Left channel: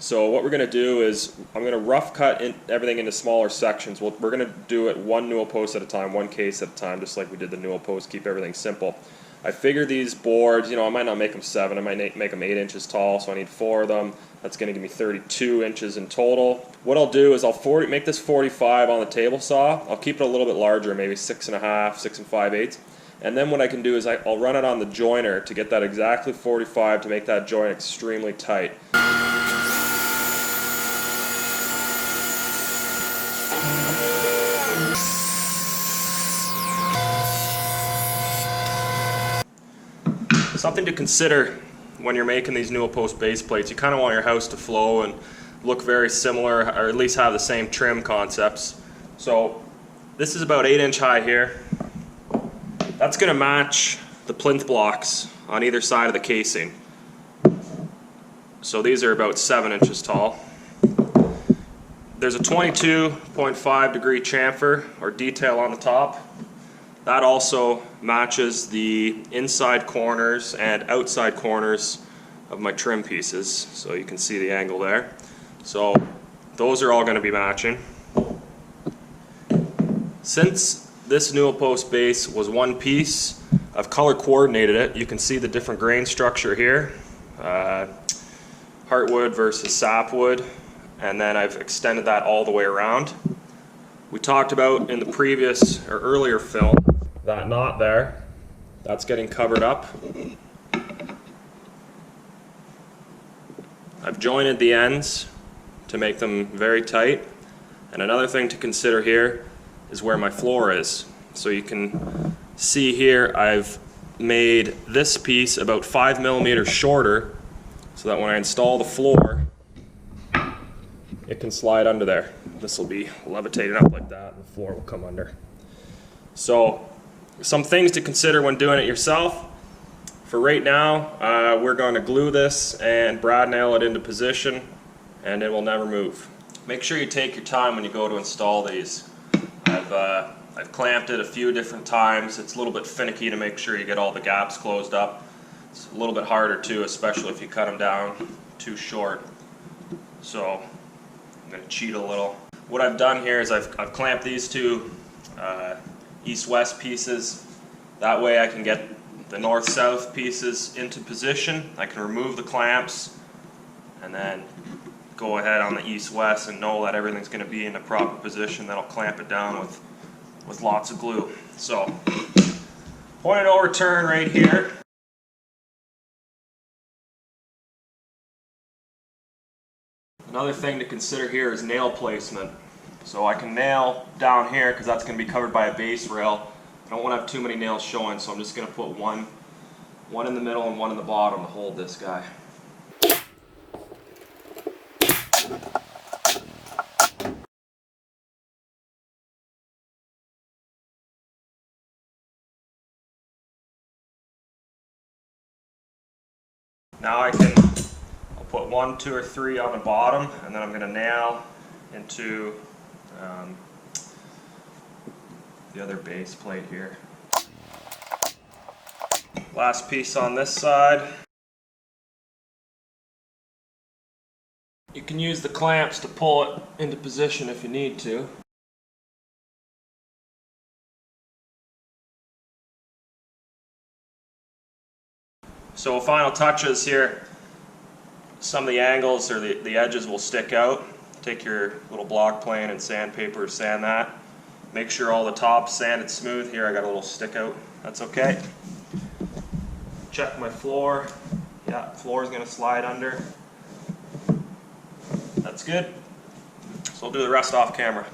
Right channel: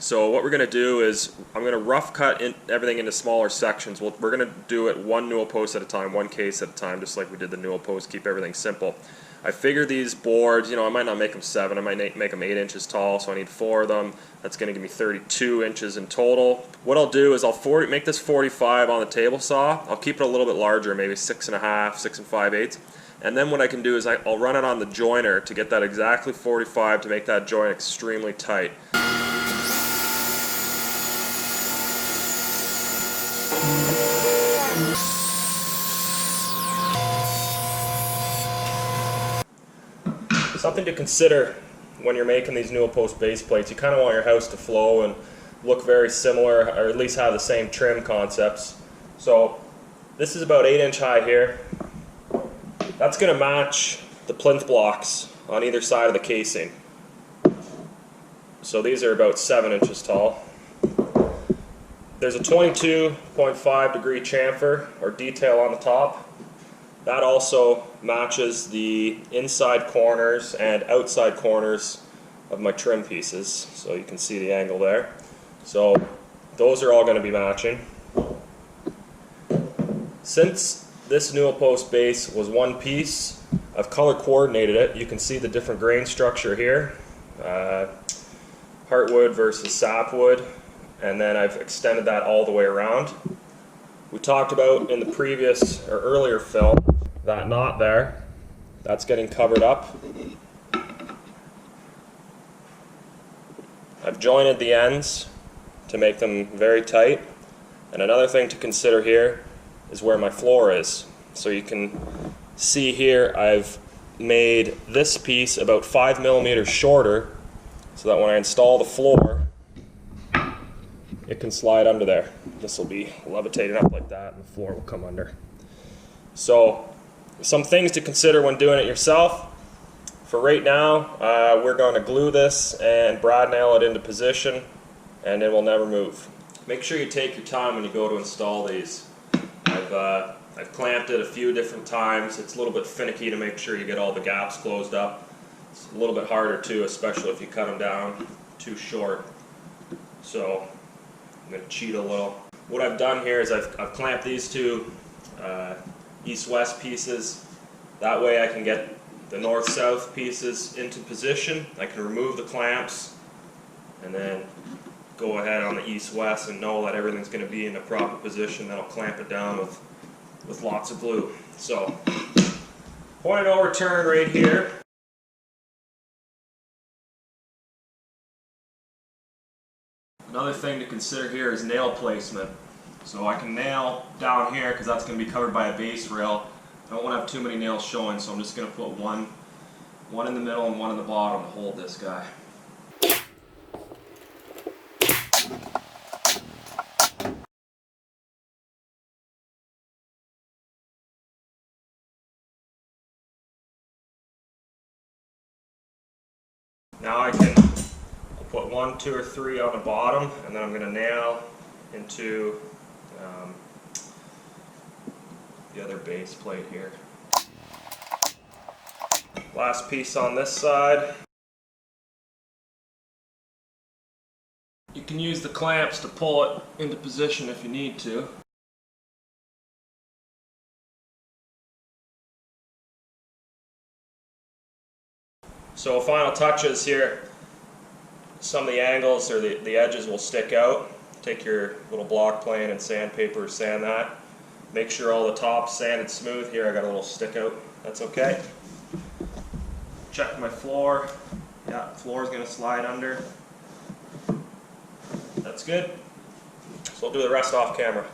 So what we're going to do is I'm going to rough cut everything into smaller sections. We're going to do it one newel post at a time, one case at a time, just like we did the newel post, keep everything simple. I figure these boards, I might not make them 7, I might make them 8 inches tall, so I need 4 of them. That's going to give me 32 inches in total. What I'll do is I'll make this 45 on the table saw. I'll keep it a little bit larger, maybe 6.5, 6 5/8. And then what I can do is I'll run it on the joiner to get that exactly 45 to make that joint extremely tight. Something to consider when you're making these newel post base plates, you kind of want your house to flow and look very similar, or at least have the same trim concepts. So this is about 8 inch high here. That's going to match the plinth blocks on either side of the casing. So these are about 7 inches tall. There's a 22.5 degree chamfer or detail on the top. That also matches the inside corners and outside corners of my trim pieces, so you can see the angle there. So those are all going to be matching. Since this newel post base was one piece, I've color coordinated it. You can see the different grain structure here, heartwood versus sapwood, and then I've extended that all the way around. We talked about in the previous or earlier film that knot there, that's getting covered up. I've jointed the ends to make them very tight. And another thing to consider here is where my floor is. So you can see here I've made this piece about 5 millimeters shorter so that when I install the floor, it can slide under there. This will be levitating up like that and the floor will come under. So some things to consider when doing it yourself. For right now, we're going to glue this and brad nail it into position, and it will never move. Make sure you take your time when you go to install these. I've clamped it a few different times. It's a little bit finicky to make sure you get all the gaps closed up. It's a little bit harder too, especially if you cut them down too short. So I'm going to cheat a little. What I've done here is I've clamped these two east-west pieces. That way I can get the north-south pieces into position. I can remove the clamps and then go ahead on the east-west and know that everything's going to be in the proper position. Then I'll clamp it down with lots of glue. So, point of no return right here. Another thing to consider here is nail placement. So I can nail down here because that's going to be covered by a base rail. I don't want to have too many nails showing, so I'm just going to put one in the middle and one in the bottom to hold this guy. Now I'll put 1, 2, or 3 on the bottom, and then I'm going to nail into the other base plate here. Last piece on this side. You can use the clamps to pull it into position if you need to. So final touches here. Some of the angles or the edges will stick out. Take your little block plane and sandpaper, sand that. Make sure all the top's sanded smooth. Here I got a little stick out. That's okay. Check my floor. Yeah, floor is going to slide under. That's good. So I'll do the rest off camera.